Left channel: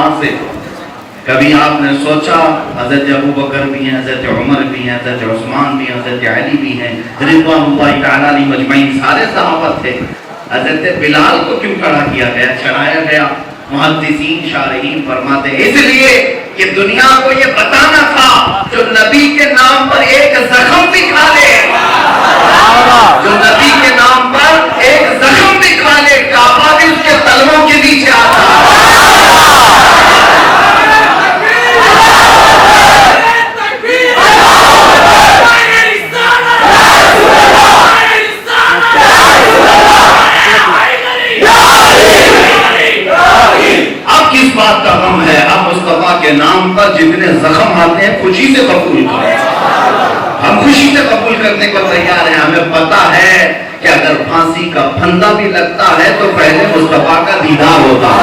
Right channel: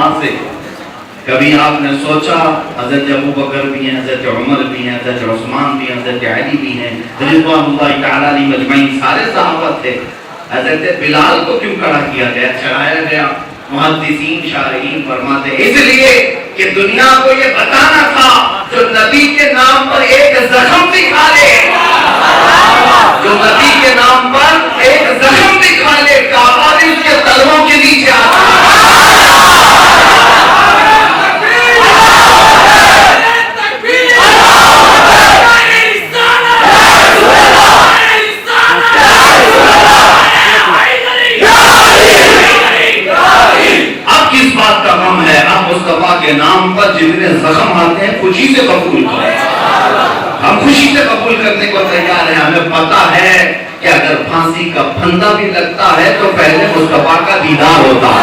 وہاں سے کبھی آپ نے سوچا حضرت ابو بکر بھی ہیں، حضرت عمر بھی ہیں، حضرت عثمان بھی ہیں، حضرت علی بھی ہیں، رضوان اللہ تعالی علیہ مجمعین، سارے صحابہ تھے، حضرت بلال کو کیوں کھڑا کیا گیا، چڑھایا گیا؟ محدثین شارحین فرماتے ہیں اس لیے کہ دنیا کو یہ بتانا تھا جو نبی کے نام پر ایک زخم بھی کھا لے، جو نبی کے نام پر ایک زخم بھی کھا لے، کعبہ بھی اس کے تلووں کے نیچے آتا ہے۔ کس بات کا غم ہے؟ اب مصطفیٰ کے نام پر جتنے زخم آتے ہیں خوشی سے قبول کریں، ہم خوشی سے قبول کرنے کو تیار ہیں۔ ہمیں پتا ہے کہ اگر پھانسی کا پھندا بھی لگتا ہے تو پہلے مصطفیٰ کا دیدار ہوتا ہے،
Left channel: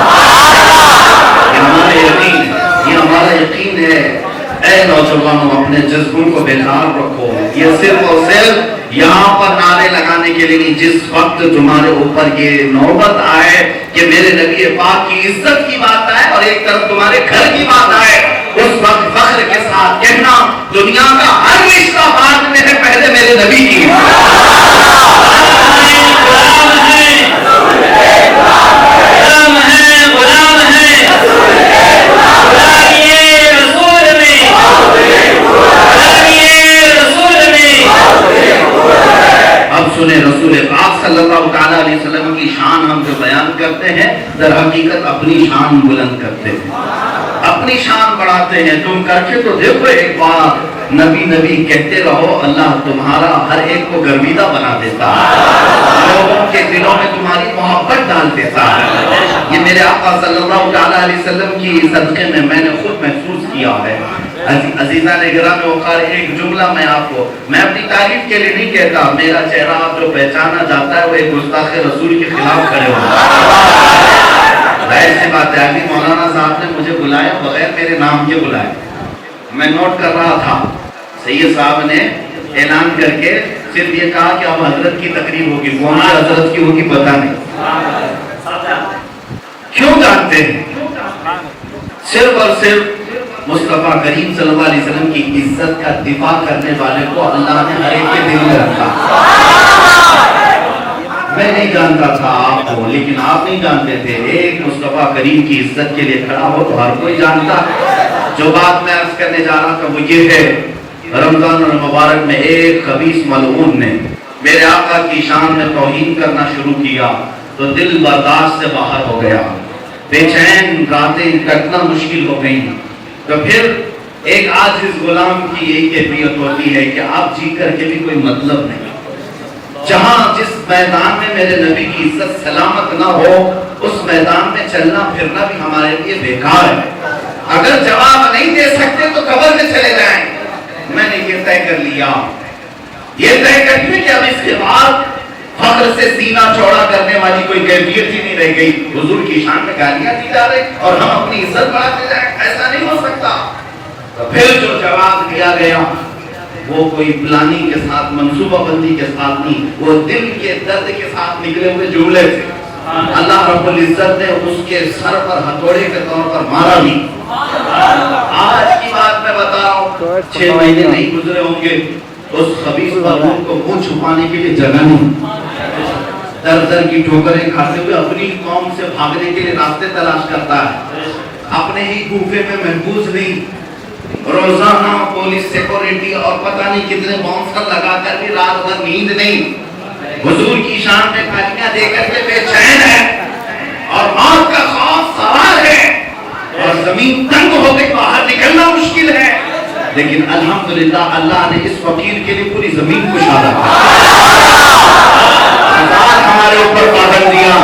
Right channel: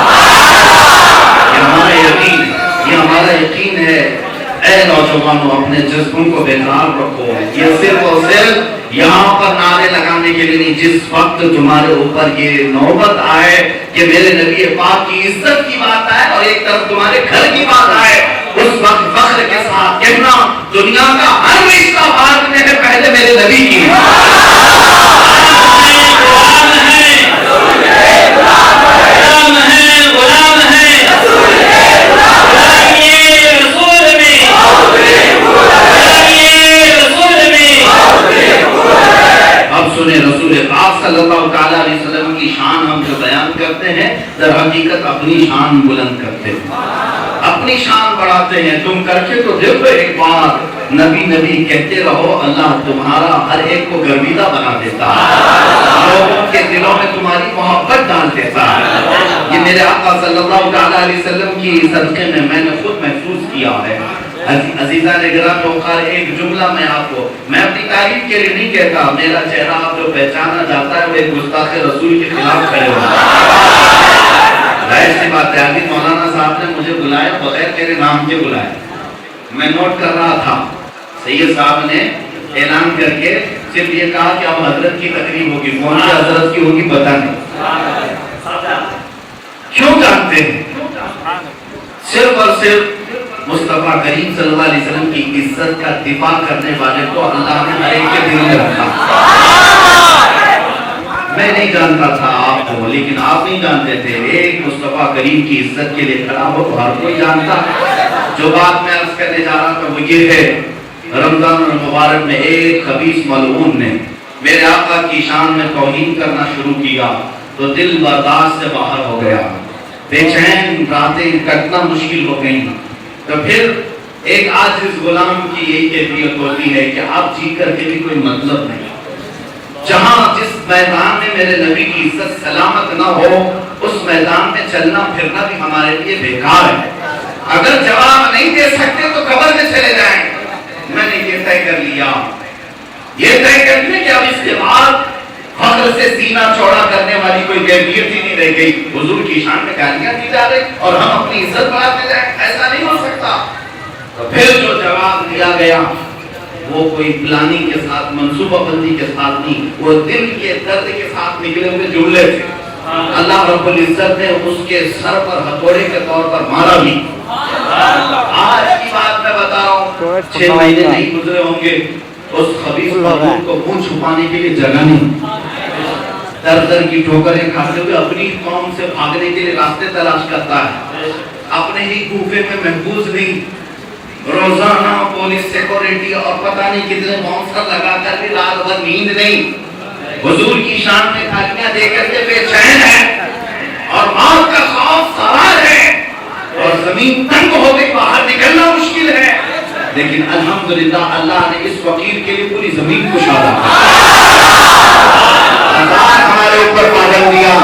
یہ ہمارا یقین ہے۔ اے نوجوانوں، اپنے جذبوں کو بیدار رکھو، یہ صرف اور صرف یہاں پر نعرے لگانے کے لیے نہیں، جس وقت تمہارے اوپر یہ نوبت آئے کہ میرے نبی پاک کی عزت کی بات آئے اور ایک طرف تمہارے گھر کی بات آئے، اس وقت فخر کے ساتھ کہنا دنیا کا ہر رشتہ بعد میں ہے، پہلے میرے نبی کی رسول پاک صلی اللہ تعالی علیہ وسلم کی شان ہم جو بیان کرتے ہیں در حقیقت اپنی شان بلند کرتے ہیں، اپنی شان بڑھاتے ہیں۔ تم کر کے تو دیکھو ایک بار، نبی نبی کہتے رہو، اللہ تمہارا ہر ایک کو گرویدہ بنا دیتا ہے، لوگوں کے دلوں میں تمہاری محبت ڈال دیتا ہے۔ یہ میرے آقا صلی اللہ تعالی علیہ وسلم کی صدقے میں نے خود محسوس کیا ہے۔ عزیزان گرامی وقار، ایک جملہ میں آپ کو، میں اپنی تعریف کے لیے نہیں کہتا، میرا چہرہ آپ جو پہچانا جاتا ہے وہ ایک گستاخ رسول کے خلاف کھڑے ہوتا ہے۔ ظاہر سی بات ہے، ابھی مولانا صاحب نے مجھے بلایا بغیر میرے نام کے بلایا، میں نوٹ کر رہا تھا، سید صاحب نے اعلان کر کے صرف یہ کہا کہ اب حضرت کی تقریر ہوگی، کون سی حضرت کی ہوگی پتہ نہیں۔ کیوں جانتے ہیں؟ صرف اور صرف مصطفیٰ کریم صلی اللہ علیہ وسلم کی عزت کا دفاع کرنے والے کو اللہ نے ہر ایک کے دل میں رکھا۔ میں نہیں جانتا تھا آپ کو، لیکن آپ نہیں جانتے تھے، ایک مصطفیٰ کریم کی عزت کے لیے کھڑا ہو تو ہر کوئی جانتا۔ جو بات میں عرض کرنے جا رہا تھا وہ یہ ہے، رمضان المبارک میں ایک خبیث ملعون نے میرے آقا کی شان میں توہین کرنا شروع کیا تو دل برداشت سے باہر ہو گیا، بے چین راتیں کٹنا مشکل ہو گئی۔ تو پھر ایک عاجز غلام کی یہی کیفیت ہوتی ہے کہ آپ جی کر کے بھی کوئی مطلب نہیں، جہاں جس میدان میں میرے نبی کی عزت سلامت نہ ہو اس میدان میں چلنا پھرنا بھی ہمارے لیے بیکار ہے۔ اگر جواب نہیں دے سکتے تو قبر میں چلے جائیں۔ میں نے یہ طے کر لیا، یہ طے کر لیا کہ اب اس کے بعد فخر سے سینہ چوڑا کرنے والی کوئی کیفیت ہی نہیں رہ گئی۔ حضور کی شان میں گالیاں دی جا رہی اور ہم اپنی عزت بڑھاتے جائیں، ایسا نہیں ہو سکتا۔ تو پھر جو جواب دیا گیا وہ کوئی پلاننگ کے ساتھ، منصوبہ بندی کے ساتھ نہیں، وہ دل کے درد کے ساتھ نکلے ہوئے جملے تھے۔ اللہ رب العزت نے اس کے سر پر ہتھوڑے کے طور پر مارا بھی۔ آج کی بات میں بتا رہا ہوں، 6 مہینے نہیں گزرے ہوں گے، اس خبیث ملعون کو منہ چھپانے کے لیے جگہ نہیں، در در کی ٹھوکریں کھاتے ہوئے اپنی قوم سے بھاگنے کے لیے راستے تلاش کرتا ہے، اپنے ہی کوفے میں محفوظ نہیں، روزانہ پولیس سیکورٹی اور پتہ نہیں کتنے باؤنسر لگا کر بھی رات بھر نیند نہیں، حضور کی شان میں گالیاں دے کر کے بے چین ہے اور موت کا خوف سوار ہے اور زمین تنگ ہو گئی، باہر نکلنا مشکل ہے، لیکن الحمدللہ اللہ نے اس فقیر کے لیے پوری زمین کو شادہ ہزار ہمارے اوپر پابندیاں،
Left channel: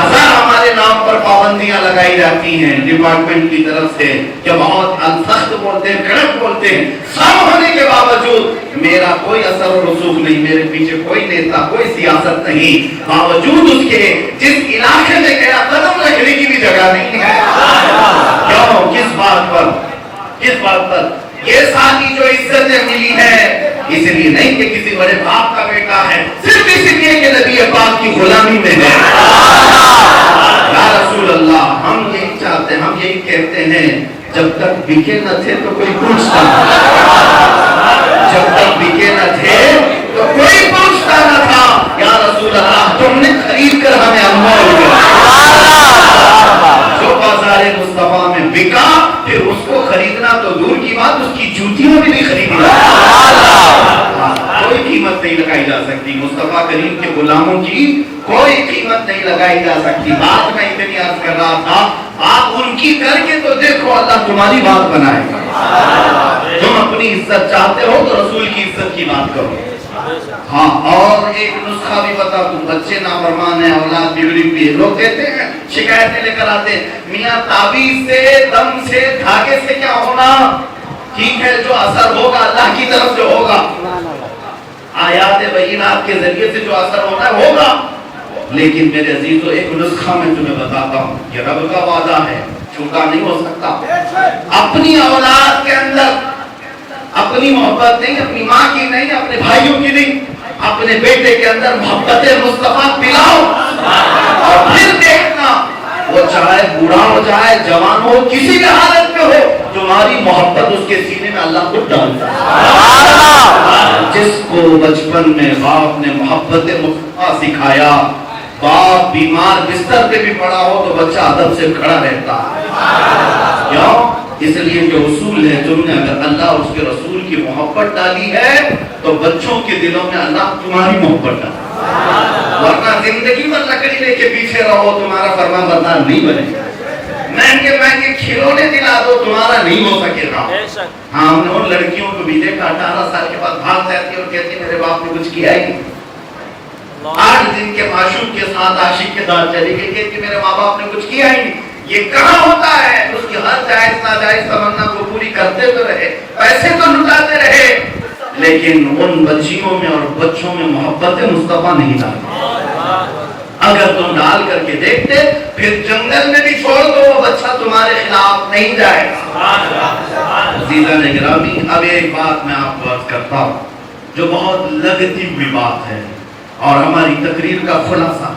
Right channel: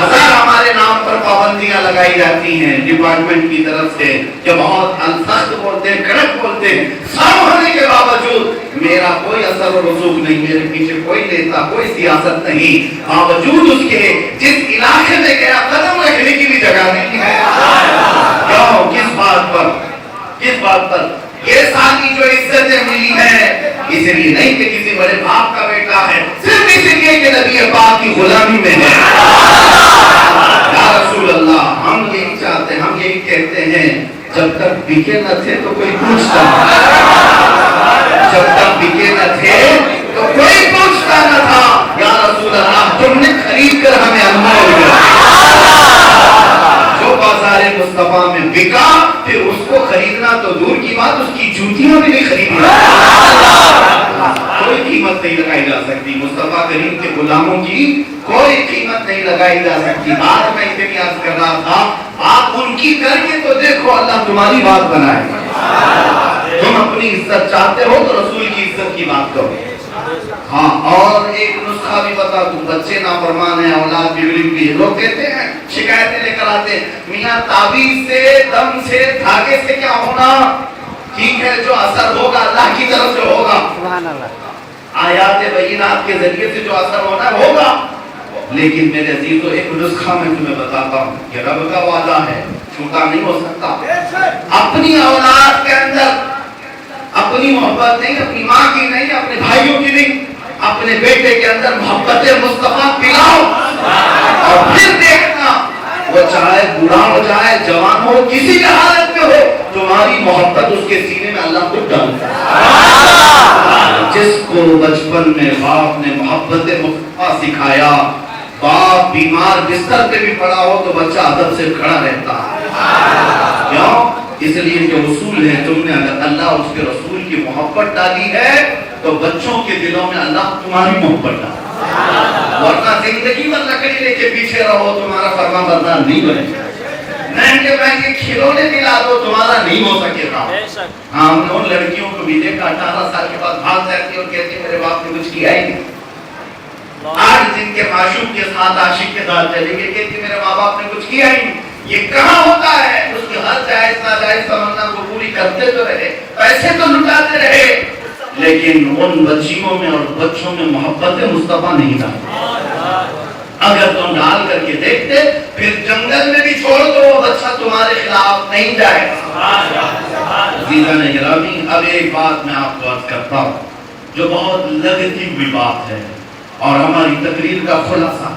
ہزار ہمارے نام پر پابندیاں لگائی جاتی ہیں ڈپارٹمنٹ کی طرف سے کہ بہت سخت بولتے ہیں، کڑک بولتے ہیں، سب ہونے کے باوجود میرا کوئی اثر و رسوخ نہیں، میرے پیچھے کوئی نیتا، کوئی سیاست نہیں، باوجود اس کے جس علاقے میں میرا قدم رکھنے کی بھی جگہ نہیں ہے۔ کیوں؟ کس بات پر؟ کس بات پر؟ یہ ساری جو عزتیں ملی ہیں اس لیے نہیں کہ کسی بڑے باپ کا بیٹا ہے، صرف اس لیے کہ نبی پاک کی غلامی میں ہے۔ رسول اللہ ہم یہی چاہتے ہیں، ہم یہی کہتے ہیں جب تک بکے نہ تھے تو کوئی پوچھتا نہ، جب تک بکے نہ تھے تو کوئی پوچھتا نہ تھا، یا رسول اللہ تم نے خرید کر ہمیں انمول دیا۔ جو بازار مصطفیٰ میں بکا پھر اس کو خریدنا تو دور کی بات، اس کی جوتیاں بھی نہیں خریدنا، کوئی قیمت نہیں لگائی جا سکتی مصطفیٰ کریم کے غلاموں کی، کوئی قیمت نہیں لگائی جا سکتی۔ بات میں اتنی عرض کر رہا تھا، آپ ان کی کر کے تو دیکھو اللہ تمہاری بات بنائے گا۔ تم اپنی عزت چاہتے ہو تو رسول کی عزت کی بات کرو۔ ہاں، اور ایک نسخہ بھی بتا دوں، بچے نافرمان ہیں، اولاد بگڑی ہوئی ہے، لوگ کہتے ہیں شکایتیں لے کر آتے ہیں، میاں تعویذ سے، دم سے، دھاگے سے کیا ہونا، ٹھیک ہے جو اثر ہوگا اللہ کی طرف سے ہوگا، آیات بینات کے ذریعے سے جو اثر ہونا ہے ہوگا، لیکن میرے عزیزو ایک نسخہ میں تمہیں بتاتا ہوں، یہ رب کا وعدہ ہے، چھوٹا نہیں ہو سکتا۔ اپنی اولاد کے اندر اپنی محبت نہیں، اپنی ماں کی نہیں، اپنے بھائیوں کی نہیں، اپنے بیٹے کے اندر محبت مصطفیٰ پلاؤ، اور پھر دیکھنا وہ چاہے بوڑھا ہو جائے جوان ہو کسی حالت میں ہو، تمہاری محبت اس کے سینے میں اللہ خود ڈالتا ہے۔ جس کو بچپن میں باپ نے محبت مصطفیٰ سکھایا، باپ بیمار بستر پہ بھی پڑا ہو تو بچہ ادب سے کھڑا رہتا ہے، کیوں؟ اس لیے کہ اصول ہے، تم نے اگر اللہ اور اس کے رسول کی محبت ڈالی ہے تو بچوں کے دلوں میں اللہ تمہاری محبت ڈالی، ورنہ زندگی میں لکڑی لے کے پیچھے رہو تمہارا فرمان بردار نہیں بنے گا، مہنگے مہنگے کھلونے دلا دو تمہارا نہیں ہو سکے گا۔ ہاں، ہم نے ان لڑکیوں کو بھی دیکھا 18 سال کے بعد بھاگ جاتی اور کہتی میرے باپ نے کچھ کیا ہی نہیں، آج جن کے معشوق کے ساتھ عاشق کے ساتھ چلی گئی کہتی میرے ماں باپ نے کچھ کیا ہی نہیں۔ یہ کہاں ہوتا ہے؟ اس کی ہر جائز ناجائز تمنا کو پوری کرتے تو رہے، پیسے تو لٹاتے رہے، لیکن ان بچیوں میں اور بچوں میں محبت مصطفیٰ نہیں ڈالتے۔ اگر تم ڈال کر کے دیکھتے پھر جنگل میں بھی چھوڑ دو وہ بچہ تمہارے خلاف نہیں جائے گا۔ عزیزان گرامی، اب ایک بات میں آپ کو عرض کرتا ہوں جو بہت لگتی ہوئی بات ہے اور ہماری تقریر کا خلاصہ،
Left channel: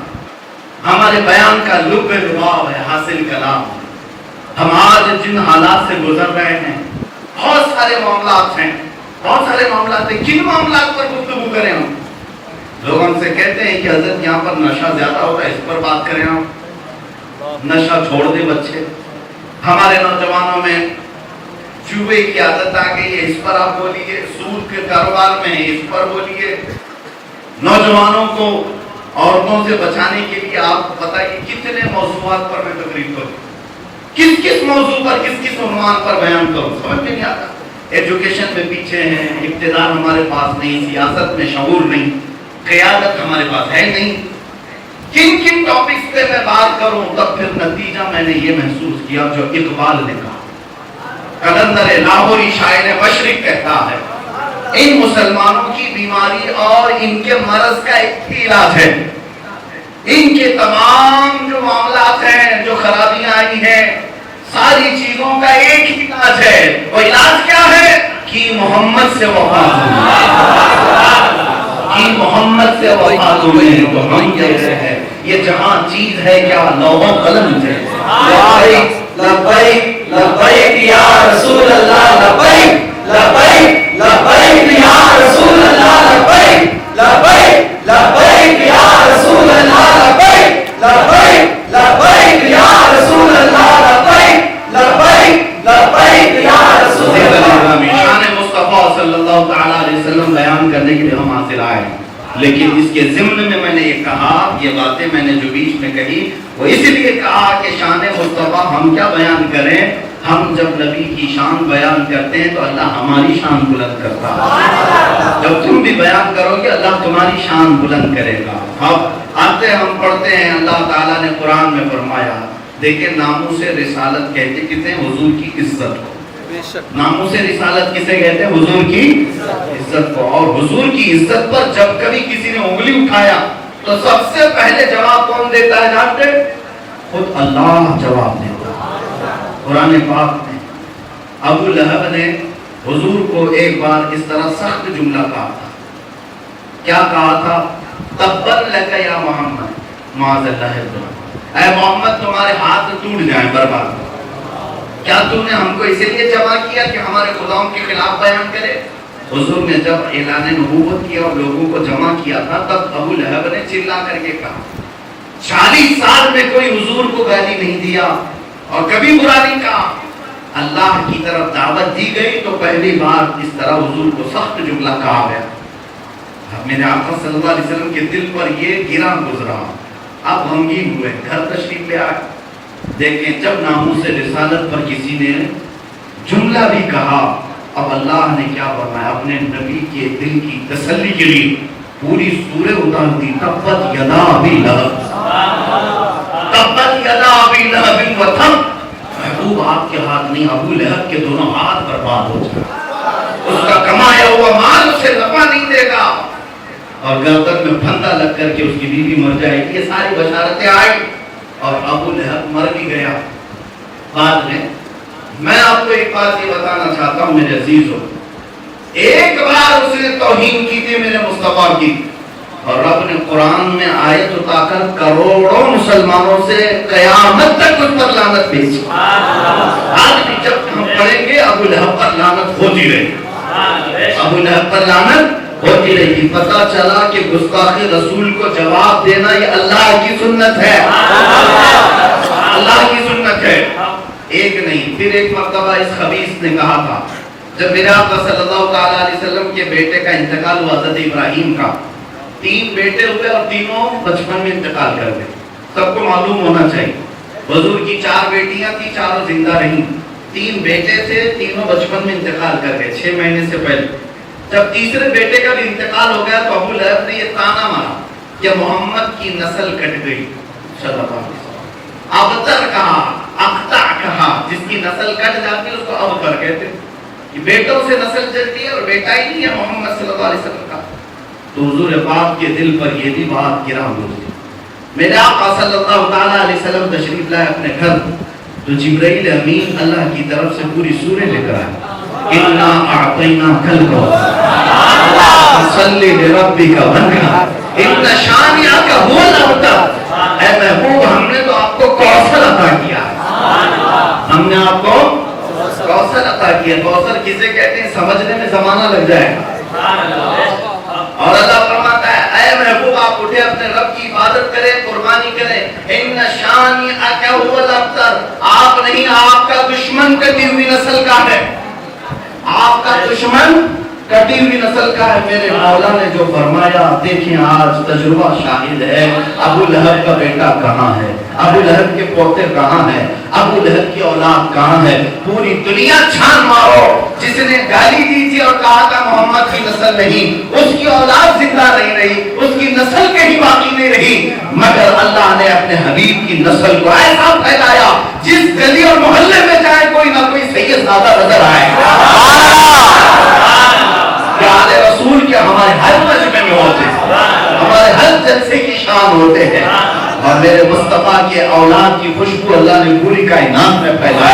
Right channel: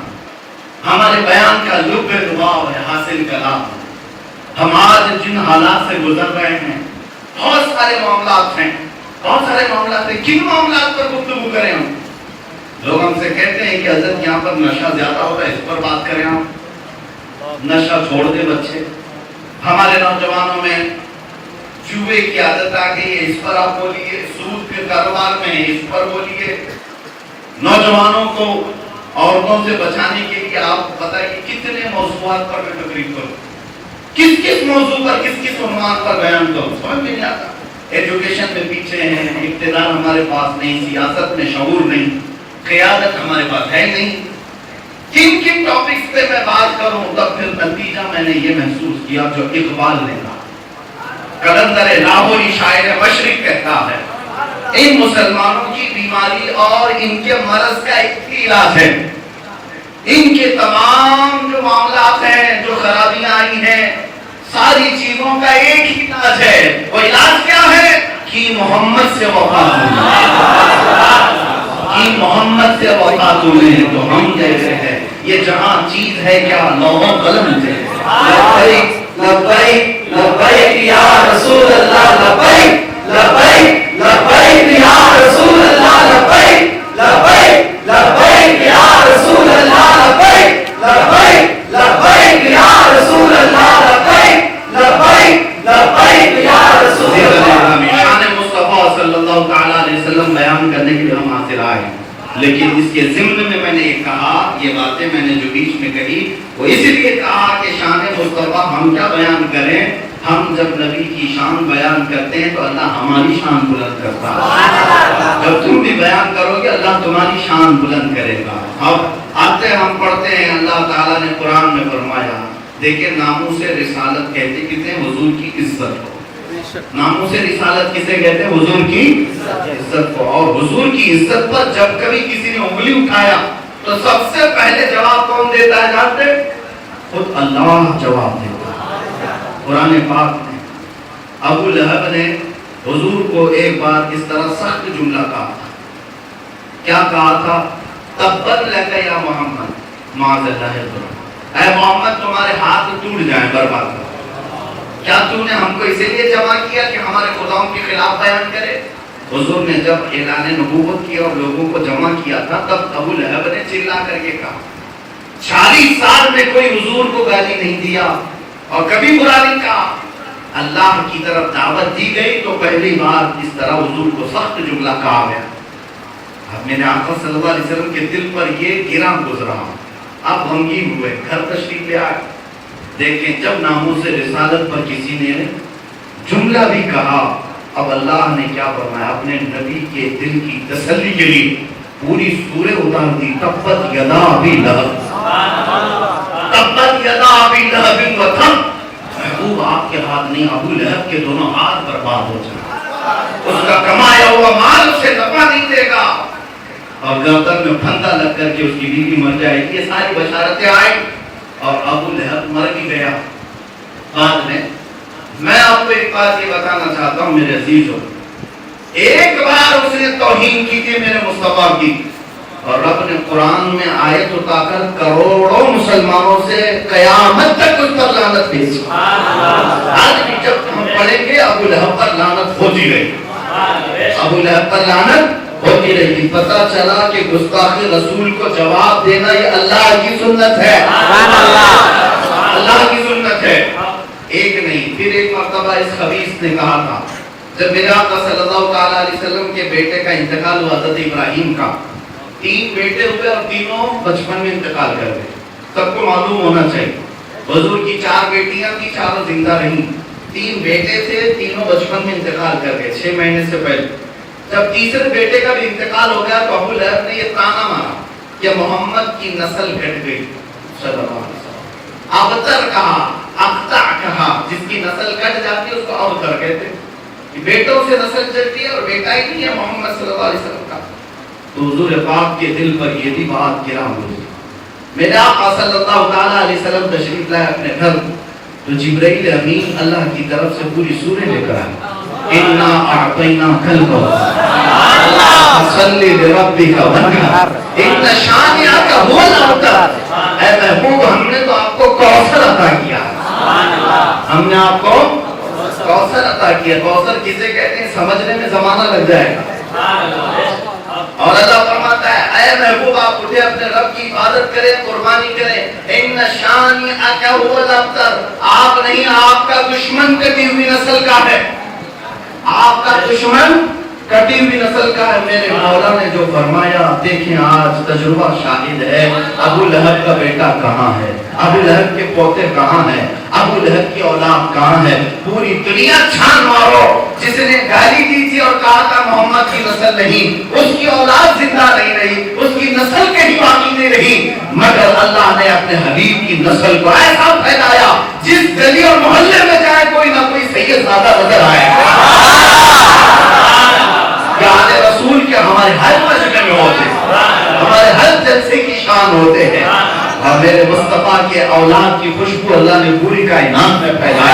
ہمارے بیان کا لب لباب ہے، حاصل کلام۔ ہم آج جن حالات سے گزر رہے ہیں، بہت سارے معاملات ہیں، بہت سارے معاملات ہیں، کن معاملات پر گفتگو کریں ہم؟ لوگ ہم سے کہتے ہیں کہ حضرت یہاں پر نشہ زیادہ ہوتا ہے، اس پر بات کریں ہم، نشہ چھوڑ دے بچے۔ ہمارے نوجوانوں میں جوئے کی عادت آ گئی ہے، اس پر آپ بولیے، سود کے کاروبار میں اس پر بولیے۔ نوجوانوں کو عورتوں سے بچانے کے لیے آپ بتائیے کتنے موضوعات پر میں تقریر کروں، کس کس موضوع پر، کس کس عنوان پر بیان کروں، سمجھ میں نہیں آتا۔ ایجوکیشن میں پیچھے ہیں، اقتدار ہمارے پاس نہیں، سیاست میں شعور نہیں، قیادت ہمارے پاس ہے نہیں، کن کن ٹاپکس پہ میں بات کروں؟ تب پھر نتیجہ میں نے یہ محسوس کیا جو اقبال نے کہا، قلندر لاہوری شاعر مشرق کہتا ہے، ان مسلمانوں کی بیماری اور ان کے مرض کا ایک ہی علاج ہے، ان کے تمام جو معاملات ہیں، جو خرابیاں آئی ہیں، ساری چیزوں کا ایک ہی علاج ہے۔ وہ علاج کیا ہے؟ کہ محمد سے وفا کہ محمد سے وفا تمہیں تو ہم جیسے ہیں، یہ جہاں چیز ہے کیا لوح و قلم سے۔ لبیک لبیک لبیک یا رسول اللہ، لبیک لبیک لبیک یا رسول اللہ، لبیک لبیک لبیک یا رسول اللہ، لبیک لبیک لبیک یا رسول اللہ، لبیک لبیک لبیک یا رسول اللہ۔ شان مصطفیٰ صلی اللہ تعالیٰ علیہ وسلم بیان کرنے کے لیے ہم حاصل آئے ہیں، لیکن اس کے ضمن میں نے یہ کہا، یہ باتیں میں نے جو بیچ میں کہی وہ اس لیے کہا کہ شان مصطفیٰ ہم کیا بیان کریں؟ ہم جب نبی کی شان بیان کرتے ہیں تو اللہ ہماری شان بلند کرتا ہے، جب تم بھی بیان کرو گے اللہ تمہاری شان بلند کرے گا۔ اب آتے ہم پڑھتے ہیں، اللہ تعالیٰ نے قرآن میں فرمایا، دیکھیں ناموس رسالت کہتے کہتے ہیں حضور کی عزت کو، ناموس رسالت کسے کہتے ہیں؟ حضور کی عزت کو۔ اور حضور کی عزت پر جب کبھی کسی نے انگلی اٹھایا تو سب سے پہلے جواب کون دیتا ہے جانتے؟ خود اللہ جواب دیتا ہے۔ قرآن پاک میں ابو لہب نے حضور کو ایک بار اس طرح سخت جملہ کہا تھا، کیا کہا تھا؟ تبت لک یا محمد، معاذ اللہ، اے محمد تمہارے ہاتھ ٹوٹ جائیں برباد ہو. کیا تم نے ہم کو اسی لیے جمع کیا کہ ہمارے خداؤں کے خلاف بیان کرے؟ حضور نے جب اعلان نبوت کیا اور لوگوں کو جمع کیا تھا تب ابو لہب نے چلا کر کے کہا 40 سال میں کوئی حضور کو گالی نہیں دیا اور کبھی برا نہیں کہا. اللہ کی طرف دعوت دی گئی تو پہلی بار اس طرح حضور کو سخت جملہ کہا گیا. اب میرے آقا صلی اللہ علیہ وسلم کے دل پر یہ گرا گزرا. اب غمگین ہوئے, گھر تشریف لے آئے. دیکھیں جب ناموس رسالت پر کسی نے جملہ بھی کہا, اب اللہ نے کیا فرمایا, اپنے نبی کے دل کی تسلی کے لیے پوری سورہ اتار دی. تبت یدا ابی لہب, تبت یدا ابی لہب وتب. محبوب آپ کے ہاتھ نہیں, ابو لہب کے دونوں ہاتھ برباد ہو جائے. اس کا کمایا ہوا مال اسے نفع نہیں دے گا اور گردن میں پھندا لگ کر کے اس کی بیوی مر جائے گی. یہ ساری بشارتیں آئی اور ابو لہب مر بھی گیا. بعد میں آپ کو ایک بات یہ بتانا چاہتا ہوں میرے عزیزوں, ایک بار اس نے توہین کی تھی میرے مصطفیٰ کی, اور رب نے قرآن میں آیت اٹھا کر کروڑوں مسلمانوں سے قیامت تک اس پر لعنت بھیجی. آج بھی جب ہم پڑھیں گے ابو لہب پر لعنت ہوتی رہی, ابو لہب پر لعنت ہوتی رہی. پتہ چلا کہ گستاخ رسول کو جواب دینا یہ اللہ کی سنت ہے, اللہ کی سنت ہے. ایک نہیں, پھر ایک مرتبہ اس خبیث نے کہا تھا جب میرے آقا صلی اللہ تعالی علیہ وسلم کے بیٹے کا انتقال ہوا, حضرت ابراہیم کا 3 بیٹے ہوئے اور تینوں بچپن میں انتقال کر گئے. سب کو معلوم ہونا چاہیے حضور کی 4 بیٹیاں تھیں, 4 زندہ رہیں. 3 بیٹے تھے, تینوں بچپن میں انتقال کر گئے 6 مہینے سے پہلے. جب تیسرے بیٹے کا بھی انتقال ہو گیا تو ابو لہب نے یہ تانا مارا کہ محمد کی نسل کٹ گئی. صلی اللہ علیہ وسلم ابتر کہا, اقطع کہا, جس کی نسل کٹ جاتی ہے اس کو ابتر کہتے ہیں. بیٹوں سے نسل چلتی ہے اور بیٹا ہی نہیں ہے محمد صلی اللہ علیہ وسلم کا. تو حضور پاک کے دل پر یہ بھی بات گرا ہوئی. میرے آقا صلی اللہ تعالی علیہ وسلم تشریف لائے اپنے گھر, تو جبرائیل امین اللہ کی طرف سے پوری سورہ لے کر آئے. انا اعطیناک الکوثر فصلی لربک وانحر ان شانئک هو الابتر. اے محبوب ہم نے تو آپ کو کوثر عطا کیا, ہم نے آپ کو کوثر عطا کیا. کوثر کسے کہتے ہیں سمجھنے میں زمانہ لگ جائے گا. اور اللہ فرماتا ہے اے محبوب آپ اٹھے اپنے رب کی عبادت کریں, قربانی کریں. ان شانئک هو الابتر, آپ نہیں آپ کا دشمن کٹی ہوئی نسل کا ہے, آپ کا دشمن کٹی ہوئی نسل کا ہے. میرے مولا نے جو فرمایا دیکھیں آج تجربہ شاہد ہے. ابو لہب کا بیٹا کہاں ہے, ابو لہب کے پوتے کہاں ہیں, ابو لہب کی اولاد کہاں ہے. پوری دنیا چھان مارو, جس نے گالی دی تھی اور کہا تھا محمد کی نسل نہیں, اس کی اولاد زندہ نہیں رہی, اس کی نسل کہیں باقی نہیں رہی, مگر اللہ نے اپنے حبیب کی نسل کو ایسا پھیلایا جس گلی اور محلے میں جائے کوئی نہ کوئی سید زیادہ نظر آئے. رسول کے ہمارے ہر مجلس میں ہوتے ہیں, ہمارے ہر جلسے کی شان ہوتے ہیں, اور میرے مصطفیٰ کے اولاد کی خوشبو اللہ نے پوری کائنات میں پھیلائی.